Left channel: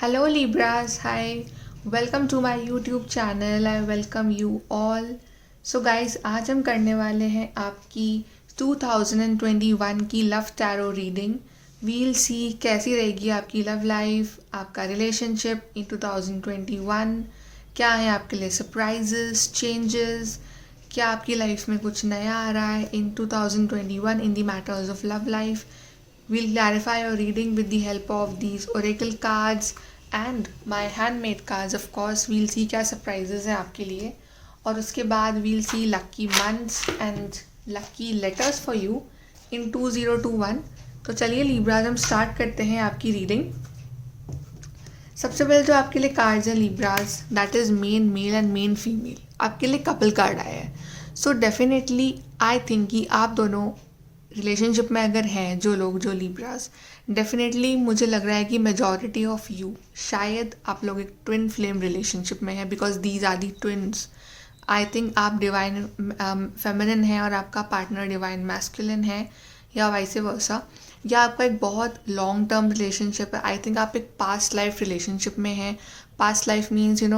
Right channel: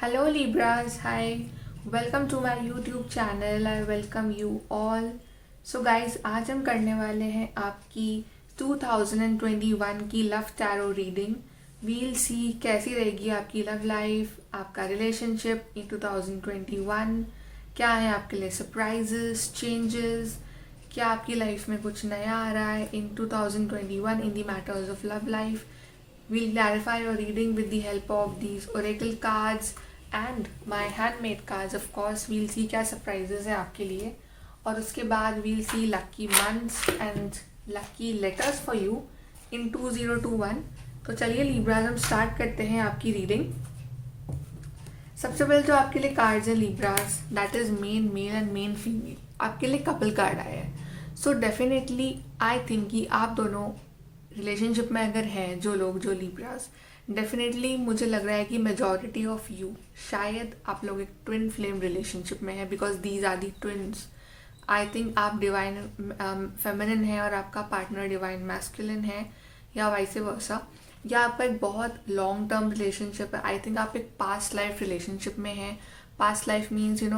Hello Libras, hi. Welcome to my YouTube channel. I welcome you all. So guys, आज हम करने वाले हैं आपकी 2021 की लव टैरो रीडिंग. वील सी कैसी रहेगी आपकी लव लाइफ, आपका रिलेशनशिप इन 2021. क्या है आपके लिए सरप्राइजेस, चेंजेस, क्या आपकी लाइफ में कुछ नया आ रहा है इन 2021 in the matters of love life. We'll clarify your reading with the help of these oracle cards and my handmade cards. Of course, we'll see क्या surprises हैं आपके लिए, और उसके बाद we'll see lucky months and lucky letters for you in 2021. तो चलिए लिब्राज हम स्टार्ट करते हैं आपकी रीडिंग. सबसे पहले जो आपके लिए कार्ड्स हैं लिब्राज, that is main male and main female. आपके लिए कपल कार्ड आया है. सो डेफिनेटली आई थिंक कि आप दोनों रिलेशनशिप में अगर हैं, जो लोग, जो लिब्रास, डेफिनेटली मुझे लग रहा है कि मेजॉरिटी ऑफ यू, शायद आप लोग एक ट्विन फ्लेम रिलेशनशिप में हैं, because these are the twins. I think आप डिवाइन फेमिनिन है और आपका पार्टनर डिवाइन मैस्कुलिन है, या वाइसे वर्सा, या आपका एक बहुत लॉन्ग टर्म रिलेशनशिप है. आई थिंक आप एक पास्ट लाइफ रिलेशनशिप में हैं. Past life means you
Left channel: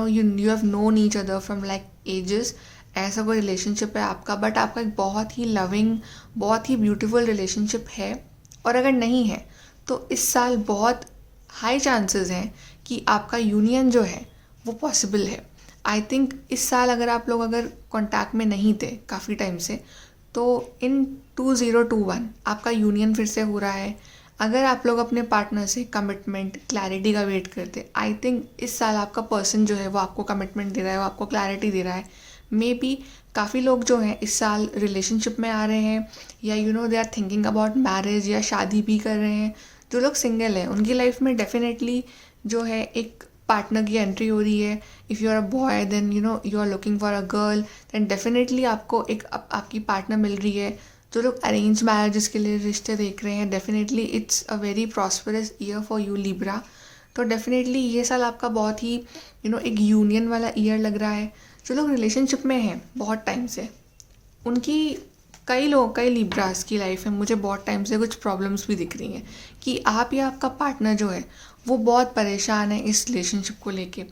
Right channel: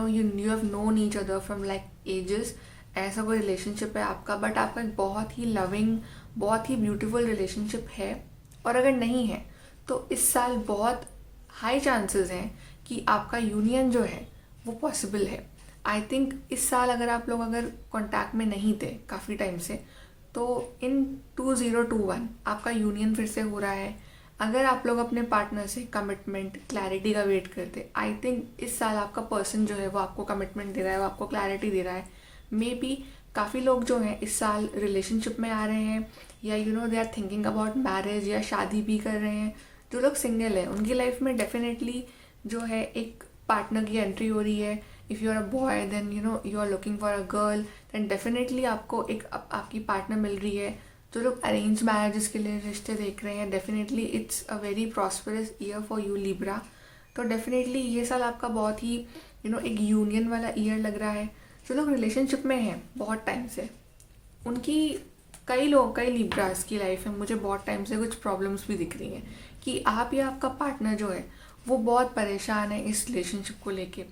have known each other from like ages. ऐसा कोई रिलेशनशिप है आपका, बट आपका एक बहुत ही लविंग, बहुत ही ब्यूटीफुल रिलेशनशिप है. और अगर नहीं है तो इस साल बहुत हाई चांसेस हैं कि आपका यूनियन जो है वो पॉसिबल है. आई थिंक इस साल अगर आप लोग अगर कॉन्टैक्ट में नहीं थे काफ़ी टाइम से, तो इन 2021 आपका यूनियन फिर से हो रहा है. अगर आप लोग अपने पार्टनर से कमिटमेंट, क्लैरिटी का वेट करते, आई थिंक इस साल आपका पर्सन जो है वो आपको कमिटमेंट दे रहा है, वो आपको क्लैरिटी दे रहा है. मे बी काफ़ी लोग जो हैं इस साल रिलेशनशिप में आ रहे हैं, या they are thinking about marriage, या शादी भी कर रहे हैं. जो लोग सिंगल हैं उनकी लाइफ में डेफिनेटली जो है एक पार्टनर की एंट्री हो रही है. If you are a boy then you are looking for a girl, then definitely आपको एक आपकी पार्टनर मिल रही है. जो लोग अरेंज मैरिजेस के लिए रिश्ते देख रहे हैं, definitely it's a very prosperous year for you Libra. तो डेफिनेटली ये साल आपका बहुत ही एक यूनियन वाला ईयर लग रहा है. जो लोग रिलेशनशिप में हैं बहुत टाइम से, उनकी कई लिब्रास की लाइफ में मुझे बहुत टाइम से कुछ प्रॉब्लम्स भी दिख रही हैं कि आप या आपका पार्टनर जो है वो बहुत परेशान है इस रिलेशनशिप को लेके.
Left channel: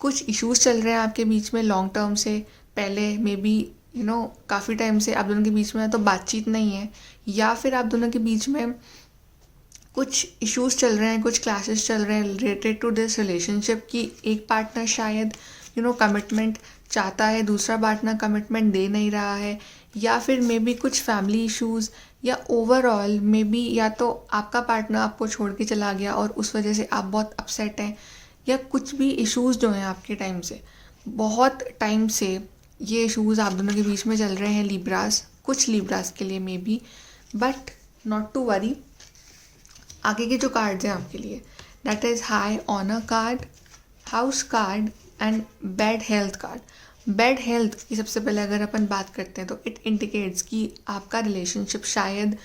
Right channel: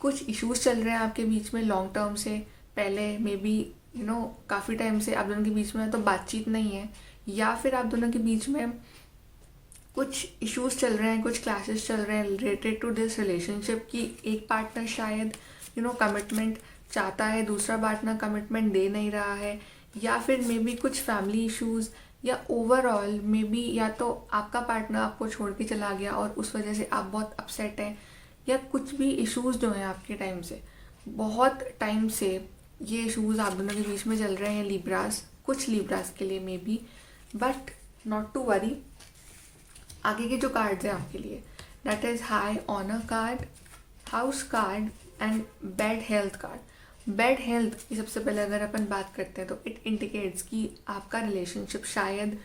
कुछ इश्यूज चल रहे हैं आपके बीच में लॉन्ग टर्म से. पहले मे बी काफ़ी टाइम से आप दोनों के बीच में तो बातचीत नहीं है, या फिर आप दोनों के बीच में कुछ इश्यूज चल रहे हैं, कुछ क्लासेस चल रहे हैं रिलेटेड टू दिस रिलेशनशिप, कि एक पार्टनर शायद कमिटमेंट चाहता है, दूसरा पार्टनर कमिटमेंट दे नहीं रहा है, या फिर मे बी कुछ फैमिली इश्यूज़, या ओवरऑल मे बी या तो आपका पार्टनर आपको छोड़ के चला गया और उस वजह से आप बहुत अपसेट हैं, या कुछ भी इश्यूज़ जो हैं आपके टाइम से, बहुत टाइम से ये इश्यूज़ आप दोनों के बीच में चल रहे हैं लिब्रास. कुछ लिब्रास के लिए maybe, but not to worry. आगे के जो कार्ड्स हैं आपके लिए, that is high honour card, house card and bad health card. Bad health की सबसे पहले अगर अपन बात करते हैं तो इट इंडिकेट्स कि आपका रिलेशनशिप शायद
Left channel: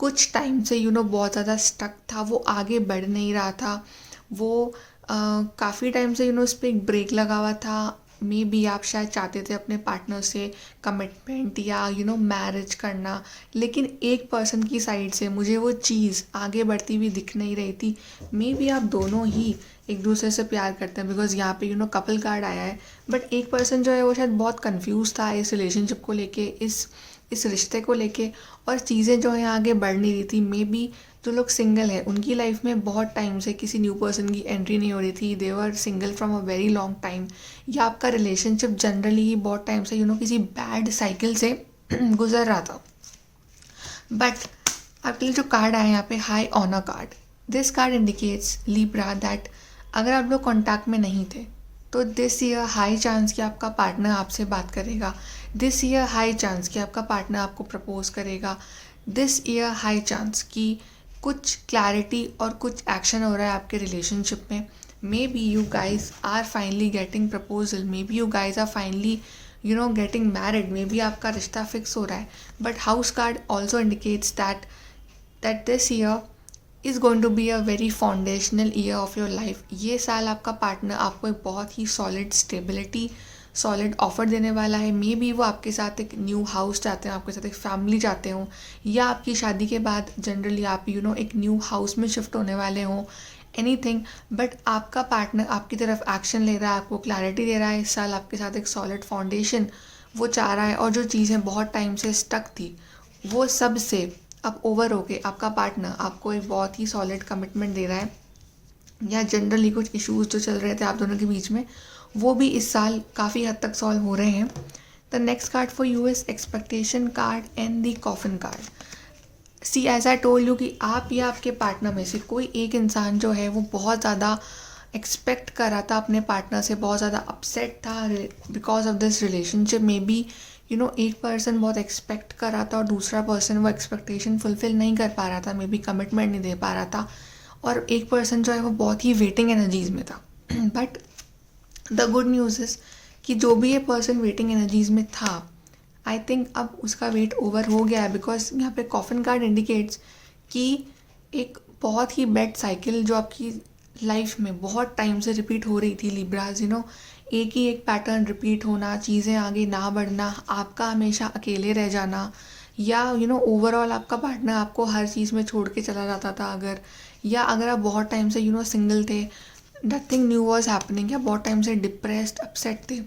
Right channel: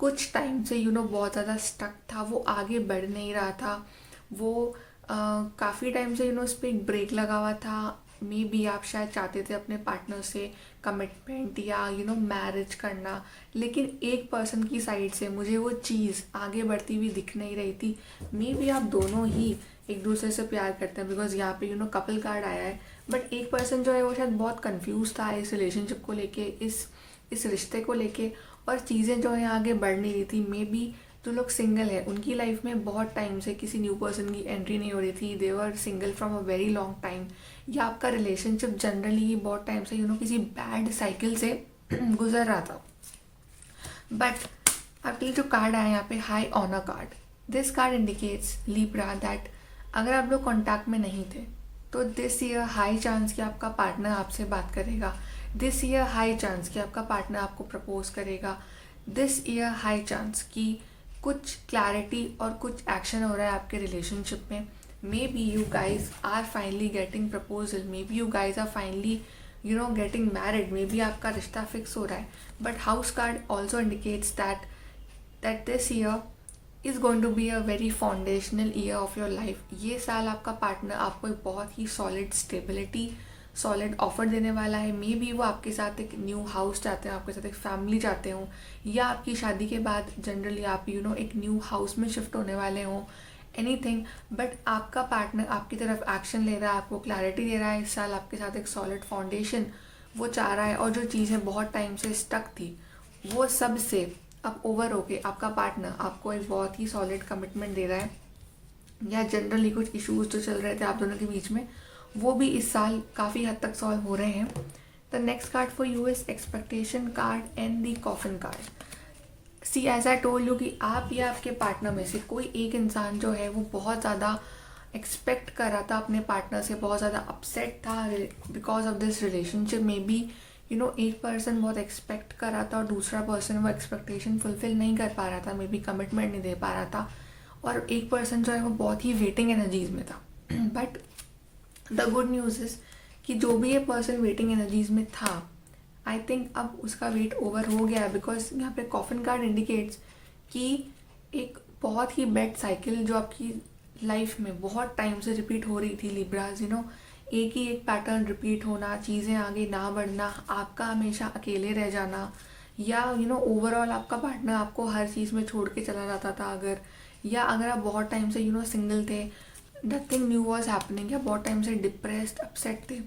कुछ टाइम से बहुत ज़्यादा स्टक था, वो आगे बढ़ नहीं रहा था, वो काफ़ी टाइम से उस पर एक ब्रेक लगा हुआ था. मे बी आप शायद चाहते थे अपने पार्टनर से कमिटमेंट या मैरिज करना, लेकिन एक पर्सन की साइड से मुझे वो चीज़ आगे बढ़ती हुई दिख नहीं रही थी. मे बी आप दोनों ही एक दूसरे से प्यार करते हैं, बिकॉज यहाँ पे कपल कार्ड आया है, बट एक पर्सन जो है वो शायद बहुत कंफ्यूज था इस रिलेशनशिप को लेके, इस रिश्ते को लेके, और चीज़ें जो है आगे बढ़ नहीं रही थी. मे बी जो लोग सिंगल हैं उनकी लाइफ में बहुत टाइम से किसी न्यू पर्सन की एंट्री नहीं हो रही थी, they were single from a very long time, या आपका रिलेशनशिप जनरली ही बहुत टाइम से किसी बैड साइकिल से गुजर रहा था. बट आपके लिए जो कार्ड आया है यहाँ पे, high honour card, this card indicates Libra that अगर आप लोग कॉन्टैक्ट में नहीं थे तो दिस ईयर हाई चांस कि आपका पार्टनर आपसे बात करेगा. दिस ईयर हाई चांस कि आपका पार्टनर आपको प्रपोज करेगा. दिस ईयर हाई चांस कि कुछ क्लैरिटी और कुछ एक्शन हो रहा है आपके रिलेशनशिप में. Maybe you guys are finally getting proposal, maybe you guys are finally getting married, maybe आपका रिश्ता फिक्स हो रहा है. But house card also indicates that this year is going to be a very foundational year of your life. ये साल आपका partner आपको एक बहुत ही सॉलिड स्टेबिलिटी, सॉलिड ऑफर देने वाला है. मे बी वो आपके साथ एक न्यू हाउस चाहते हैं, आपके साथ एक फैमिली चाहते हो, या आपकी शादी के बाद जनरली आप एक न्यू हाउस में शिफ्ट होने वाले हों. एनीथिंग, बट आपका पार्टनर आपकी तरफ एक्शन ले रहा है, आपको क्लैरिटी दे रहा है, इस साल आपके साथ एक सॉलिड फाउंडेशन वो चाह रहा है, और जो चीज़ें बहुत टाइम से स्टक थी वो सब से अब ओवर होके आपका पार्टनर आपको एक बहुत ही सॉलिड कमिटमेंट दे रहा है, या जनरली कुछ इश्यूज जो चल रहे थे आप दोनों के बीच में वो भी इस साल काफ़ी हद तक सॉल्व हो रहे हैं। The next card for you is expectation card and the coffin card. See as I told you कि आप या आपके पार्टनर में से कोई एक इंसान जो है वो बहुत ज़्यादा एक्सपेक्ट कर रहा था अपने पार्टनर से, बहुत ज़्यादा अपसेट था because of this relationship. May be एक पर्सन बहुत एक्सपेक्ट कर रहा था और दूसरा पर्सन वो एक्सपेक्टेशन फुलफिल नहीं कर पा रहा था, मे बी कमिटमेंट नहीं दे पा रहा था, और एक पर्सन जो है वो बहुत ही वेटिंग एनर्जीज में था। But the good news is कि जो भी ये पर्सन वेटिंग एनर्जीज में था, आई थिंक अब उसका वेट ओवर हो गया है, बिकॉज यहाँ पे कॉफिन कार्ड इंडिकेट्स कि एक बहुत ही बैड साइकिल जो आपकी लाइफ में बहुत टाइम से रिपीट हो रही थी लिब्राज, एक ही एक पैटर्न रिपीट होना, चीज़ें आगे ना बढ़ना, आपका हमेशा अकेले रह जाना, या ओवरऑल आपका पार्टनर आपको हर चीज़ में छोड़ के चला जाता था, अगर आप बहुत टाइम से सिंगल थे, नथिंग न्यू वॉज हैपनिंग, या बहुत टाइम से डिप्रेस्ड अपसेट थे,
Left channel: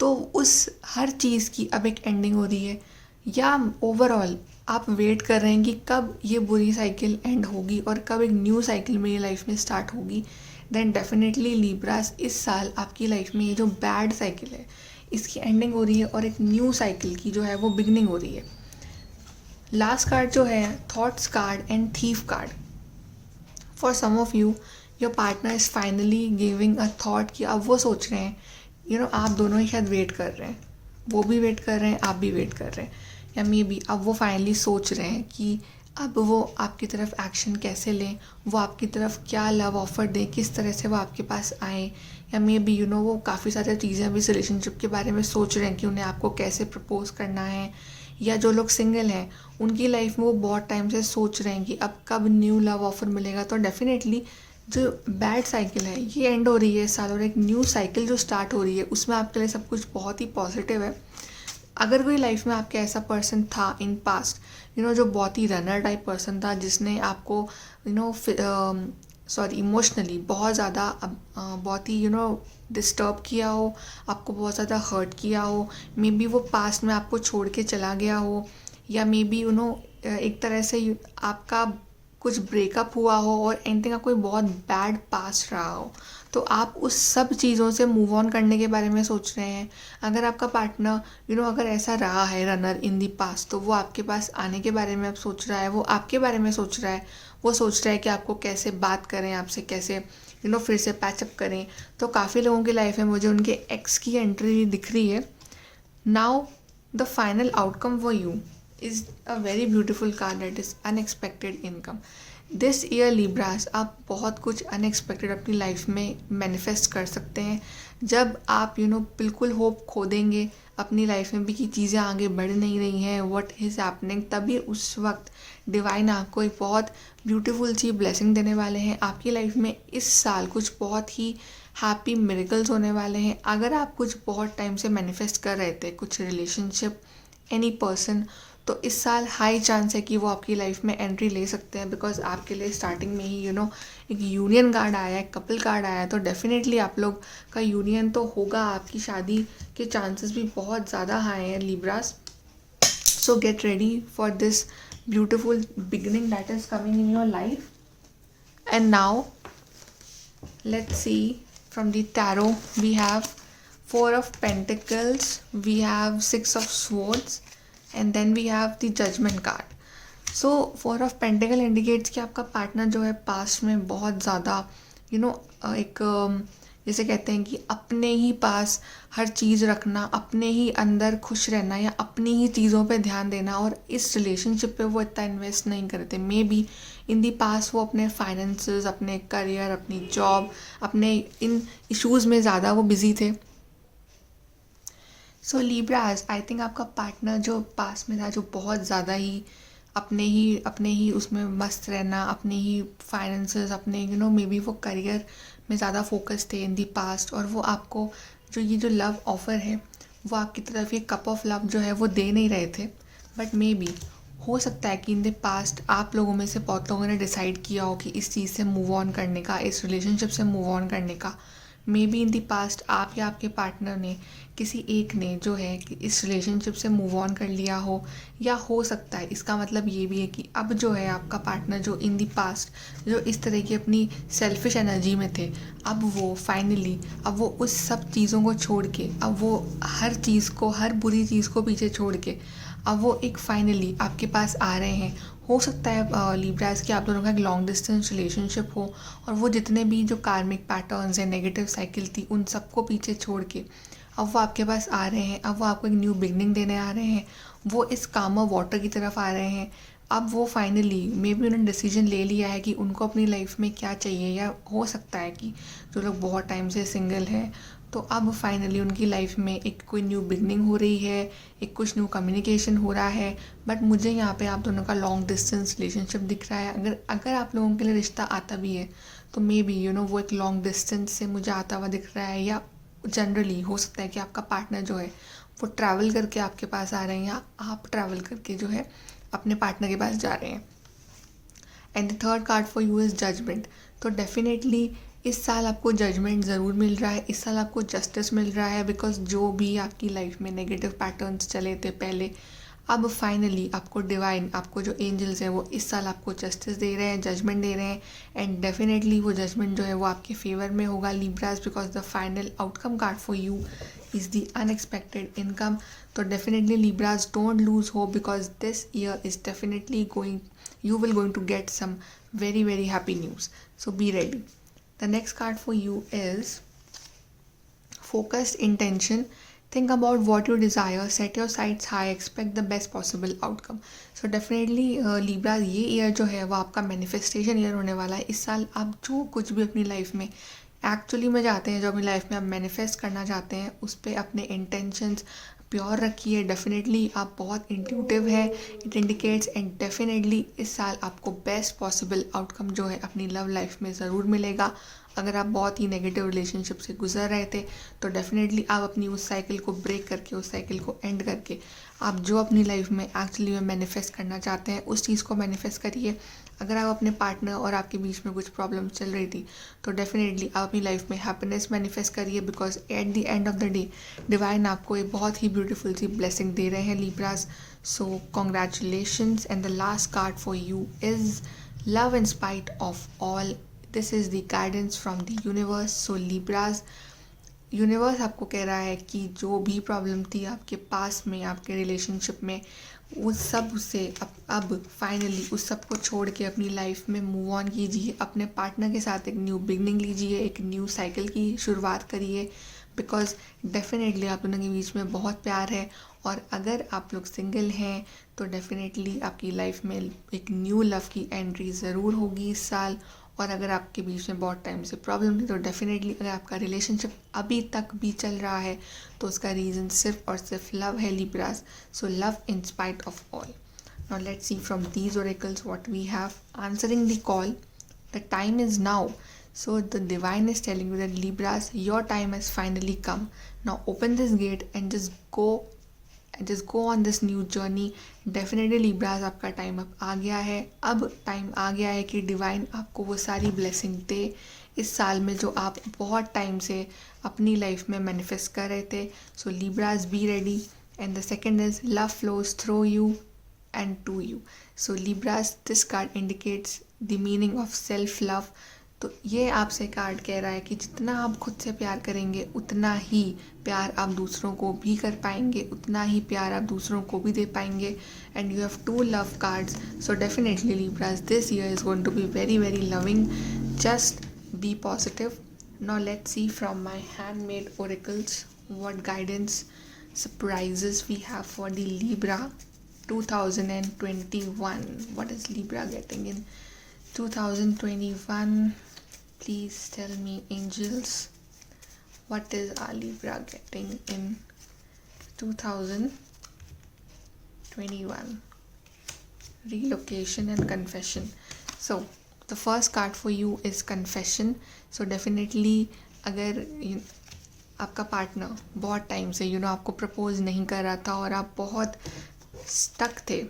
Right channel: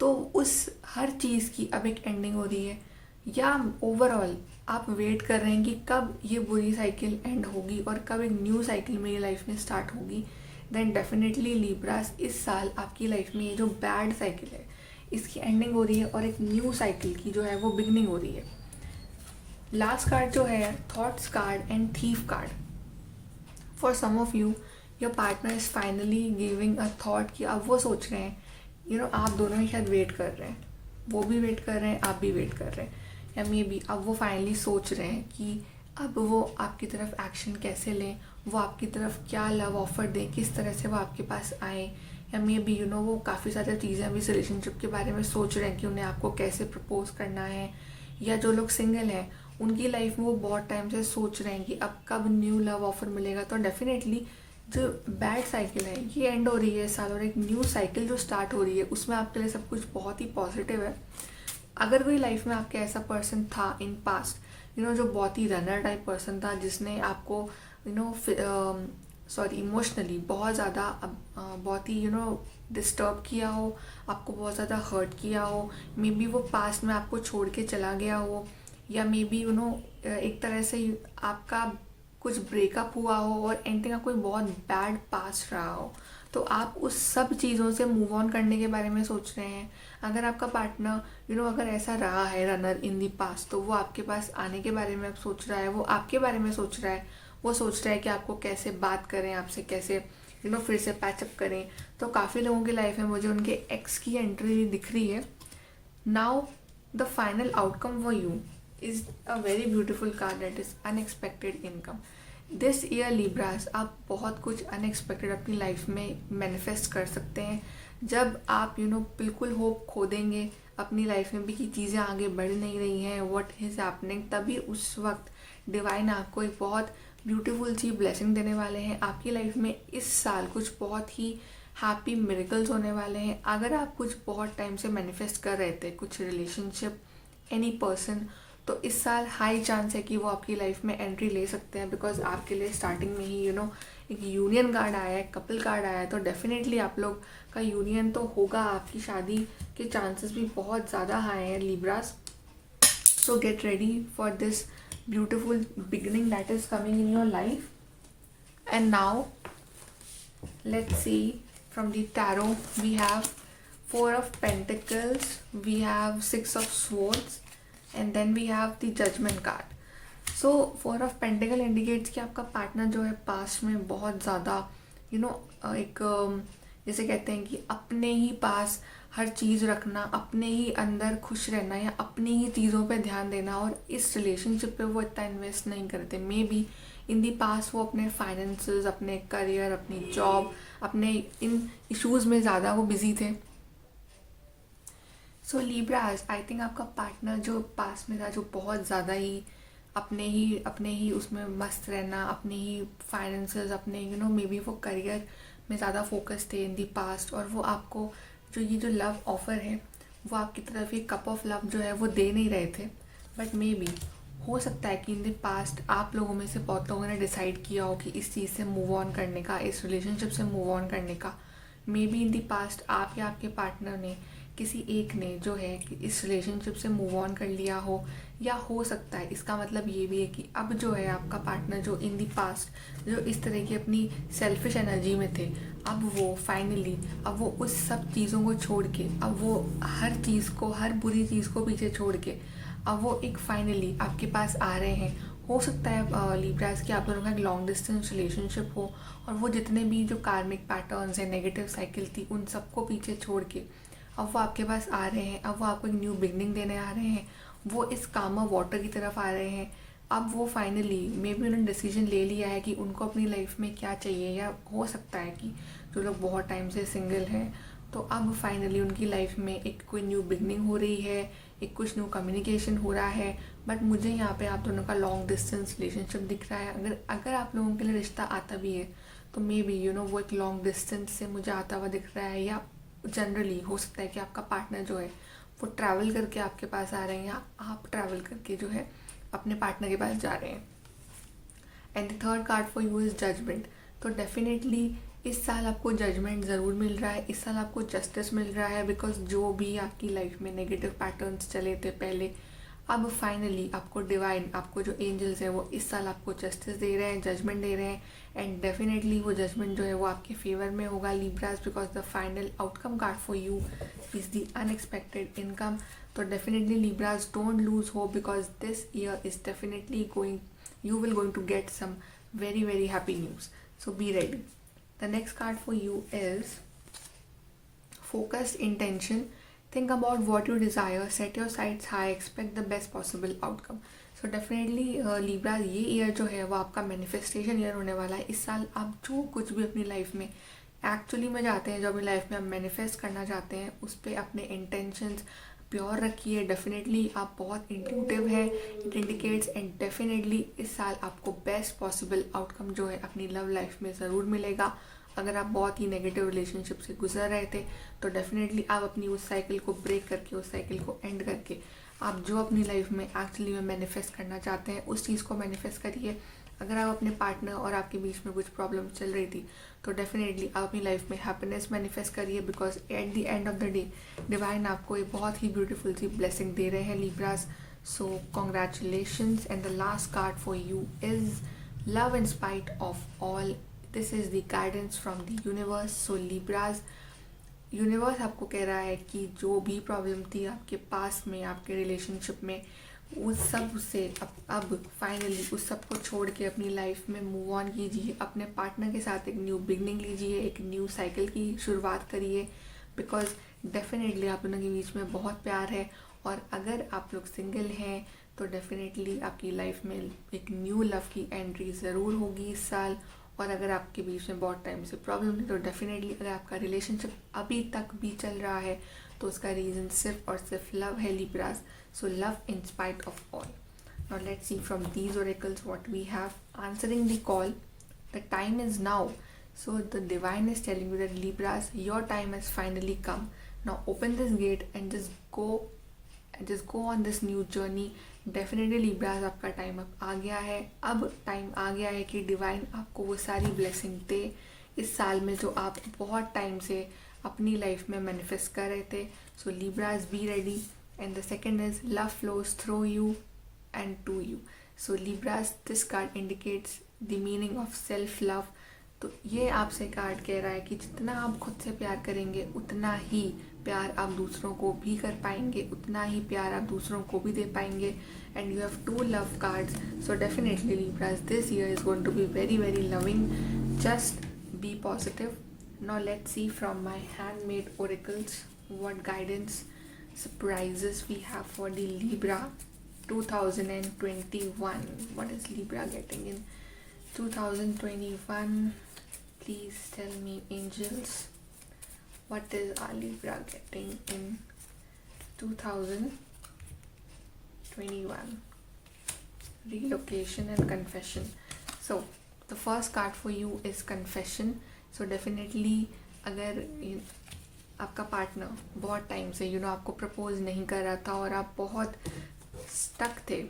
तो उस हर चीज़ की अब एक एंडिंग हो रही है, या ओवरऑल आप वेट कर रहे हैं कि कब ये बुरी साइकिल एंड होगी और कब एक न्यू साइकिल मेरी लाइफ में स्टार्ट होगी। देन डेफिनेटली लिब्रास, इस साल आपकी लाइफ में ये जो बैड साइकिल है इसकी एंडिंग हो रही है और एक न्यू साइकिल की जो है वो बिगनिंग हो रही है। लास्ट कार्ड जो है thoughts card and thief card. For some of you your partner is finally giving a thought कि अब वो सोच रहे हैं, आप दोनों ही शायद वेट कर रहे हैं, वो भी वेट कर रहे हैं, आप भी वेट कर रहे हैं, या मे बी अब वो फाइनली सोच रहे हैं कि अब वो आपकी तरफ एक्शन कैसे लें, वो आपकी तरफ क्या लव ऑफर दें, किस तरह से वो आपके पास आए, या मे बी वो काफ़ी सारी चीज़ें अभी इस रिलेशनशिप के बारे में सोच रहे हैं कि उन्हें आपको कैसे प्रपोज करना है, या जो लोग सिंगल हैं उनकी लाइफ में वो बहुत टाइम से सोच रहे हैं कि अब कब न्यू लव ऑफर मिलेगा। तो डेफिनेटली जो बैड साइकिल है ये एंड हो रही है इस साल, और एक न्यू साइकिल जो स्टार्ट हो रही है उसमें आपके लिए सब कुछ बहुत ही पॉजिटिव है। अगर कोई लाइफ में आपके ऐसा पर्सन था इन पास्ट, जो बहुत ही रनर टाइप पर्सन था, जिसने आपको इमोशनली बहुत ज़्यादा बहुत ही डिस्टर्ब किया हो, आपको बहुत ज़्यादा हर्ट किया हो, मे बी वो पास्ट में आपको छोड़ के चला गया हो, या मे बी एक तरह से आपका कुछ ब्रेकअप हुआ हो और एनीथिंग का कोई बहुत बैड पास्ट रहा हो, तो आप उस सब चीज़ों से मूव ऑन करने के बारे में सोच रहे हैं। अगर आपका पार्टनर अगर ऐसा रहा है रनर इन दी पास्ट, तो वो आपके पास आने के बारे में अब सोच रहा है, वो आपके बारे में सोच रहा है, वो सोच रहा है कि आपको कैसे बात करें, आपसे कैसे फिर से पैचअप करें। तो काफ़ी लोगों की लाइफ में मुझे उनके एक्स की एंट्री दिख रही है। Now the final outcome for you is a very beautiful card, that is unexpected income. This year Libras, आप बहुत कुछ अनएक्सपेक्टेड अपनी लाइफ में मैनिफेस्ट कर सकते हैं। जब आप बिल्कुल होप खो देंगे अपनी लाइफ में भी कि चीज़ें आगे बढ़ नहीं रही हैं, व्हाट इज़ हैपनिंग, तभी उस वक्त डिवाइन आपको एक बहुत ब्यूटीफुल सी ब्लेसिंग देने वाले हैं। आपकी लाइफ में इस साल कुछ बहुत ही हैप्पी मिरेकल्स होने वाले हैं। अगर आप कुछ बहुत टाइम से मैनिफेस्ट कर रहे थे, कुछ रिलेशनशिप, एनी पर्सन, तो इस साल हाई चांस है कि वो आपकी लाइफ में एंट्री ले सकते हैं, बिकॉज आपके लिए स्टार्टिंग में ही एक यूनियन कार्ड आया है, कपल कार्ड आया है, तो डेफिनेटली आप लोग का यूनियन तो होगा, आपकी शादी के चांसेस भी बहुत ज़्यादा हाई हैं Libras. So get ready for this beautiful beginning that is coming in your life. And now let's see from the tarot, we have 4 of Pentacles, we have 6 of Swords, and then we have the Judgment card. So 4 of Pentacle indicates कि आपका partner जो है past में बहुत ज़्यादा एक जैसे कहते हैं कि अपने ही पास हर चीज़ रखना, अपने ही अंदर खुश रहना, या अपनी ही चीज़ों पे ध्यान देना, और इस रिलेशनशिप पे वो इतना इन्वेस्ट नहीं करते। मे बी इन दी पास वो अपने फाइनेंसेस, अपने करियर, अपनी जॉब, अपने इन इश्यूज़ में ज़्यादा वो बिजी थे। सो लिब्रास, आई थिंक आपका पार्टनर जो पास में था, जो बहुत ज़्यादा ही अपने ही उसमें मस्त रहना, अपने ही फाइनेंसेस, अपने मे बी वो करियर में ज़्यादा फोकस थे इन दी पास्ट, और वो आपको ये जो लव ऑफ़र है वो आपकी तरफ ये कप ऑफ लव जो है वो दे नहीं रहे थे। बट मे बी हो सकता है कि इन द पास्ट आप लोगों में से बहुत लोगों ने डिसाइड किया हो कि इस चीज़ से मूव ऑन करने का, इस रिलेशनशिप से मूव ऑन करने का। May be in the past आप या आपके पार्टनर ने, किसी एक ने जो है कि इस रिलेशनशिप से मूव ऑन कर लिया हो, या हो सकता है इसका मतलब ये भी है कि अब जो है आपका पार्टनर जो इन द पास्ट जो इस तरह की अपनी सेल्फिश एनर्जी में थे, अब वो फाइनली अब वो उस सब चीज़ों को छोड़ के, अब वो हर चीज़ को, हर बुरी चीज़ को पीछे छोड़ के अब वो एक फाइनली आपके पास आ रहे हैं। हो सकता है लिब्रास कि आप दोनों का एक लॉन्ग डिस्टेंस रिलेशनशिप हो, और वो जितने भी जो कार्मिक पैटर्न्स हैं, नेगेटिव साइकिल थी, उन सबको पीछे छोड़ के अब वो आपके पास आ रहे हैं। अब वो आपको एक न्यू बिगनिंग देने आ रहे हैं। वो इस कामर वाटर की तरफ आ रहे हैं। अब वो फाइनली मे बी उन्होंने डिसीजन ले लिया है कि उनको अपनी लाइफ में क्या चाहिए, या हो सकता है कि जो लोग बहुत टाइम से सिंगल हैं, तो अब फाइनली उनकी लाइफ में एक कोई न्यू बिगनिंग हो रही है, एक कुछ न्यू कम्युनिकेशन हो रहा है। बट मुझे यहाँ पे आप दोनों का लॉन्ग डिस्टेंस रिलेशनशिप दिख रहा है। अगर अगर आप लोगों के लिए रिश्ता आता भी है, तो मे बी वो एक लॉन्ग डिस्टेंस से मुझे आता हुआ दिख रहा है, या जनरली हो सकता है कि आपका पार्टनर जो है वो ट्रैवल करके आपके पास आ रहे हैं, या आप ट्रैवल करके जो है अपने पार्टनर के पास जा रहे हैं। And the third card for you is judgement. तो डेफिनेटली इस साल आपको जजमेंट ज़रूर मिल रहा है, इस साल आपको जस्टिस मिल रहा है, बिकॉज जो भी आपकी लाइफ में नेगेटिव पैटर्न्स चले थे पहले, अब फाइनली आपको डिवाइन, आपको जो एंजल्स है वो इस साल आपको जस्टिस दे रहे हैं, जजमेंट दे रहे हैं। एंड डेफिनेटली वो जजमेंट जो है वो आपके फेवर में होगा Libras, because the final outcome card for you is the unexpected income. तो definitely Libras, don't lose hope, because this year is definitely going, you will going to get some very very happy news, so be ready. The next card for you is focused intention. Think about what you desire, set your sights high, expect the best possible outcome. So definitely Libra, ये year जो है वो आपका manifestation year होने वाला है। इस साल आप जो कुछ भी अपनी लाइफ में एक्चुअली में चाहते हैं, जो अपनी लाइफ में आप मैनिफेस्ट करना चाहते हैं, उस पर अपने इंटेंशंस प्योर रखिए। डेफिनेटली आप बहुत इंट्यूटिव है, इट इंडिकेट्स। एंड डेफिनेटली इस साल आपको बेस्ट पॉसिबल आउटकम जो है अपनी लव लाइफ में ज़रूर मिलेगा। अगर आप बहुत ही नेगेटिव रिलेशनशिप से गुजर रहे थे, तो डेफिनेटली आप अपनी उस साइकिल को ब्रेक करके, उस साइकिल को एंड करके, आप जो अपनी लाइफ में एक्चुअली में मैनिफेस्ट करना चाहते हैं उस चीज़ को मैनिफेस्ट करिए। अगर आप अपने पार्टनर और आपके बीच में कुछ प्रॉब्लम चल रही थी, तो डेफिनेटली आप अपनी लाइफ में हैप्पीनेस मैनिफेस्ट करिए, because at the end of the day divine आपको एक बहुत ही ब्यूटीफुल सी ब्लेसिंग दे रहे हैं Libras. So congratulations. And the last card for you is love in spite of all. This is the guidance from the universe. So Libras, universe आपको कह रहा है कि जो भी प्रॉब्लम थी आपके पास में, आपके रिलेशनशिप में, उस सब से अब फाइनली उस सब को छोड़ के अपनी लाइफ में मूव ऑन कीजिए। अपने पार्टनर के साथ एक न्यू बिगनिंग लीजिए, एक न्यू साइकिल की शुरुआत करिए, बिकॉज डेफिनेटली आप दोनों के बीच में बहुत प्यार है। और अगर आप लोग सिंगल हैं, तो डेफिनेटली आपकी लाइफ में एक न्यू लव की एंट्री ज़रूर होगी इस साल। और अगर आपके बीच में बहुत टाइम से प्रॉब्लम थी, तो डेफिनेटली अगर आपका रिलेशनशिप अभी तक भी चल रहा है, तो उसका रीज़न सिर्फ और सिर्फ लव है Libras. So love in spite of all. Now let's see from these oracles what we have answering the call. The time is now. So the divine is telling you that Libras, your time has finally come. Now open this gate and just go on this new journey. Definitely Libras, आपका time अब आ गया है। अब time आ गया है कि divine आपको वो सारी ब्लेसिंग दे इस साल में जो आप बहुत टाइम से अपनी लाइफ में मैनिफेस्ट कर रहे थे। सो Libras, be ready. And the second is love flows through you and to you. So Libras, this card indicates the meaning of self love. तो ये आपसे कार्ड कह रहा है कि जितना आप खुद से प्यार करेंगे, उतना ही प्यार आप दूसरों को भी कर पाएंगे, उतना ही प्यार आप दूसरों को भी दे पाएंगे। And you have 2 love cards. So definitely Libras, this year is going to be very very loving. Just be positive. Now let's see from my handmade oracles what guidance surprises we have for the Libra 2021. What is Libra getting in 2021? Please tell me, angels, what is our Libra getting in 2021? Relocation and confession. So the first card for you is confession. So definitely अगर आपका partner बहुत time से आपको propose नहीं कर रहा था, और आप बहुत स्टक थे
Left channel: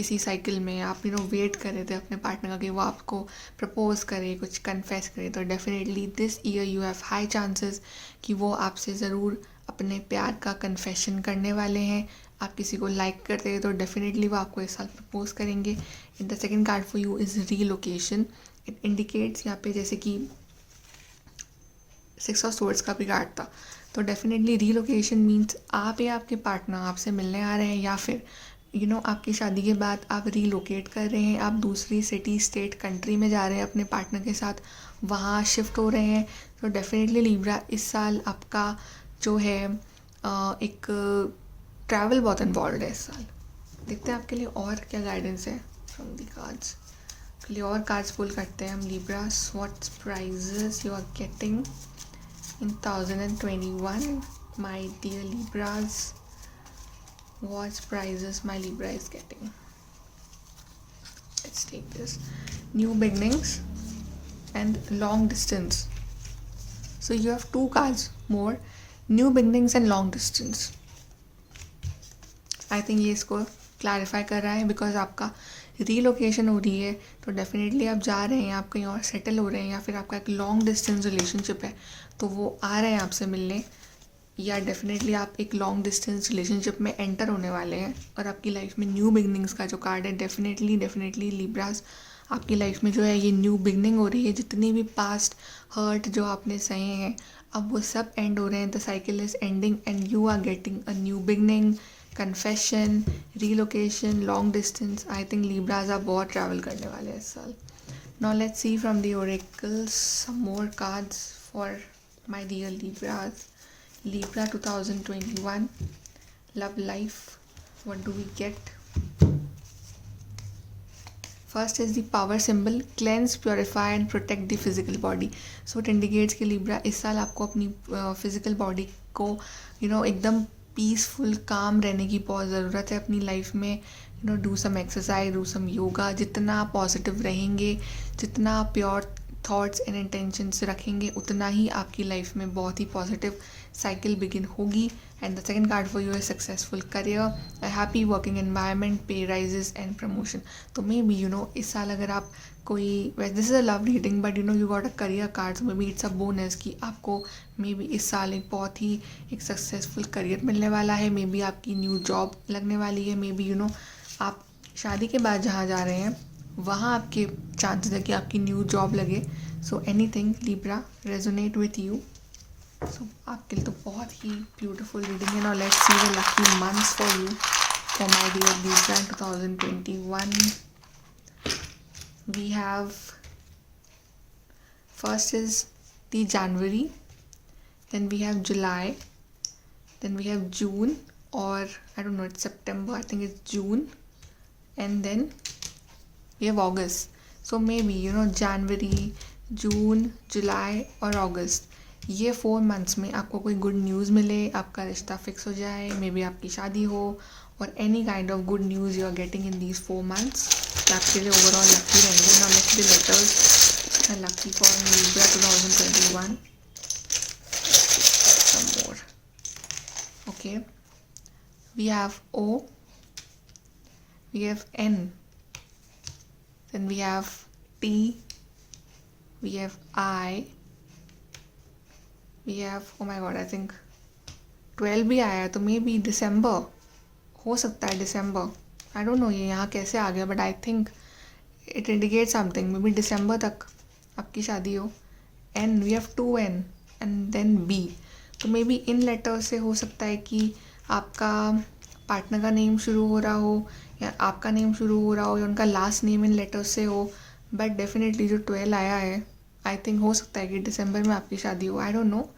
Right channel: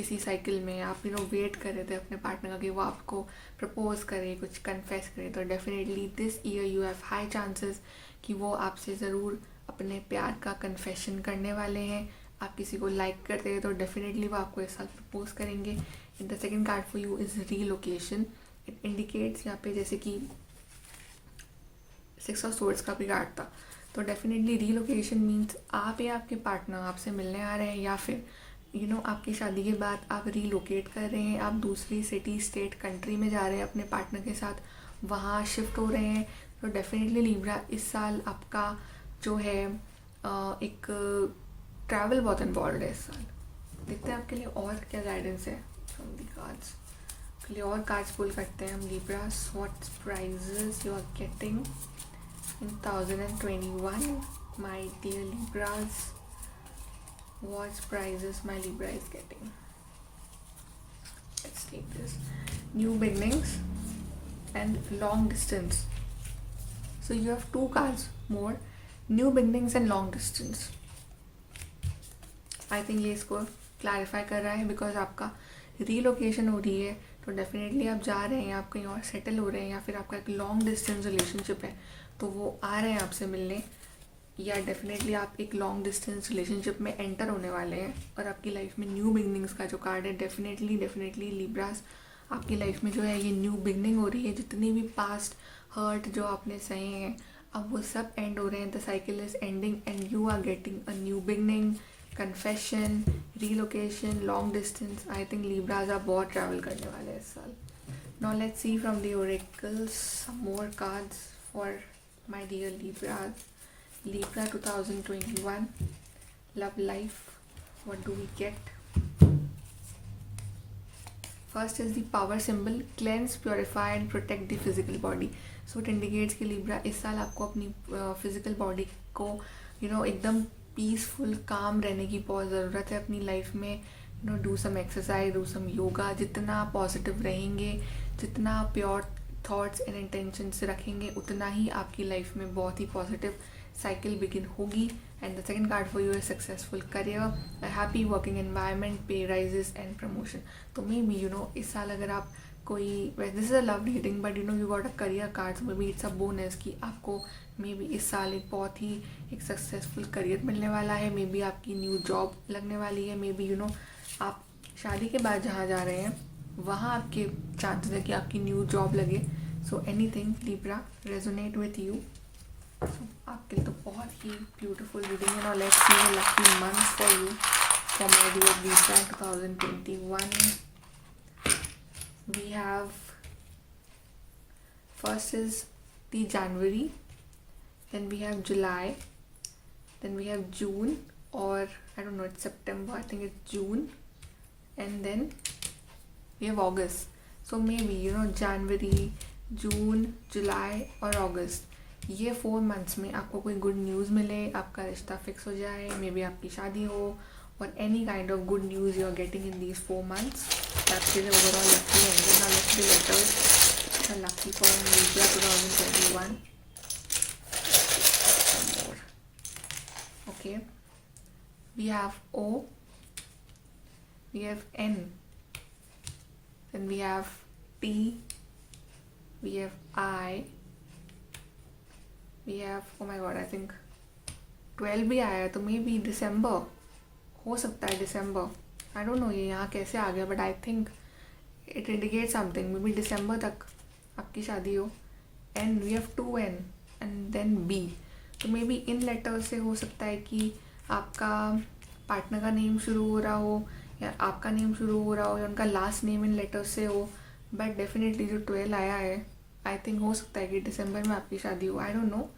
किसी साइकिल में आप वेट कर रहे थे अपने पार्टनर का कि वो आपको प्रपोज करे, कुछ कन्फेस करे, तो definitely this year you have high chances कि वो आपसे ज़रूर अपने प्यार का कन्फेशन करने वाले हैं। आप किसी को लाइक करते हैं तो डेफिनेटली वो आपको इस साल प्रपोज करेंगे। In the second card for you is relocation. It indicates यहाँ पे जैसे कि 6 ऑफ सोर्ड्स का भी कार्ड था, तो डेफिनेटली रीलोकेशन मीन्स आप या आपके पार्टनर आपसे मिलने आ रहे हैं, या फिर आपकी शादी के बाद आप रीलोकेट कर रहे हैं, आप दूसरी सिटी, स्टेट, कंट्री में जा रहे हैं अपने पार्टनर के साथ, वहाँ शिफ्ट हो रहे हैं। तो डेफिनेटली लिब्रा इस साल आपका जो है एक ट्रैवल बहुत इन्वॉल्व है इस साल। देखते हैं आपके लिए और क्या गाइडेंस है फ्रॉम दी कार्ड्स। के लिए और कार्ड्स पुल करते हैं हम Libra. What prizes you are getting in 2021, my dear Libras? What prizes my Libra is getting? Let's take this. New beginnings and long distance. So you have two cards more, new beginnings and long distance. I think ये इसको clarify कर रहा है, because आपका relocation हो रही है, तो डेफिनेटली आप जा रहे हैं, आप कहीं और सेटल हो रहे हैं, या फिर आपका एक लॉन्ग डिस्टेंस रिलेशनशिप है तो वो आ रहे हैं आपसे मिलने, या डेफिनेटली आप एक लॉन्ग डिस्टेंस रिलेशनशिप में एंटर होने वाले हैं। और आपकी लाइफ में न्यू बिगनिंग्स का जो कार्ड है, डेफिनेटली लिब्रास आपकी लाइफ में जो है ये न्यू बिगनिंग हो रही है। जितनी भी पास्ट हर्ट जो आपने सहे हैं, अब वो सब एंड हो रहे हैं। The cycle is ending and you are getting a new beginning, confession, relocation, long distance. I think Libras आप बहुत ट्रैवल करने वाले हैं इस साल। Now let's see from the oracles some more cards for my dear Libras. Libra 2021 love life. What do we get? First is the power symbol, cleanse, purify and protect the physical body. So it indicates कि Libra इस साल आपको अपनी physical body को एकदम peaceful काम रहने की बहुत ज़रूरत है अपनी लाइफ में। Do some exercise, do some yoga. जितना आप पॉजिटिव रहेंगे, जितना आप प्योर थॉट्स एंड इंटेंशंस रखेंगे, उतना ही आपकी लाइफ में बहुत ही पॉजिटिव साइकिल बिगिन होगी। And the second card for you है successful career, a happy working environment, pay raises and promotion. तो मे बी इस साल अगर आप कोई, this is a love reading but you got a career cards, maybe it's a bonus कि आपको may be इस साल एक बहुत ही एक सक्सेसफुल करियर मिलने वाला है। मे बी आपकी न्यू जॉब लगने वाली है। मे बी आप शादी के बाद जहाँ जा रहे हैं वहाँ आपके चांसेस है कि आपकी न्यू जॉब लगे। So anything Libra resonate with you. So आपके लिए तो बहुत ही ब्यूटीफुल रीडिंग है। Now let's see the lucky months for you for my dear Libra in 2021. We have first is the January, then we have July, then we have June, or I don't know, it's September, I think it's June, and then we have August. So maybe January, June, July और August, ये 4 months में आपको कोई good news मिले, आपका रिश्ता fix हो जाए, मे बी आपकी शादी हो, और any kind of good news you are getting in these 4 months. आपके लिए ओवरऑल लकी रहेंगे। Now let's the letters lucky for Libra 2021. Some more. Okay, we have O, we have N, then we have T, we have I, we have, oh my god, I think 12 भी आया है, तो maybe दिसंबर हो सकता है। दिसंबर, I don't know ये यहाँ कैसे आ गया, but I think it indicate something. Maybe दिसंबर तक आपकी शादी हो। N, we have 2N and then B, तो मे बी इन लेटर से हो सकता है कि आपका पार्टनर का नेम शुरू हो रहा हो, या आपका नेम शुरू हो रहा हो, या उनका लास्ट नेम इन लेटर से हो। बट डेफिनेटली जो 12 आया है, आई थिंक हो सकता है कि दिसंबर में आपकी शादी हो। I don't know,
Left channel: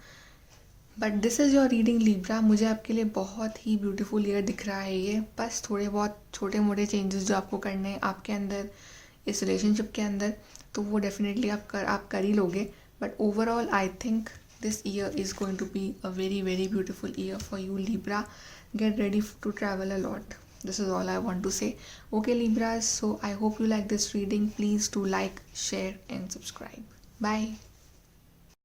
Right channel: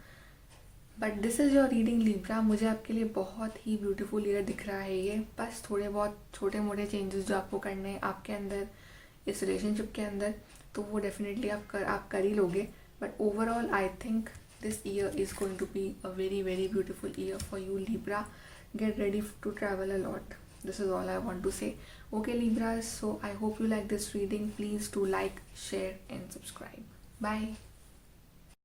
but this is your reading Libra. मुझे आपके लिए बहुत ही ब्यूटीफुल ईयर दिख रहा है ये। बस थोड़े बहुत छोटे मोटे चेंजेस जो आपको करने हैं आपके अंदर, इस रिलेशनशिप के अंदर, तो वो डेफिनेटली आप कर ही लोगे। But overall I think this year is going to be a very very beautiful year for you Libra. Get ready to travel a lot. This is all I want to say. Okay Libras, so I hope you like this reading. Please do like, share and subscribe. Bye.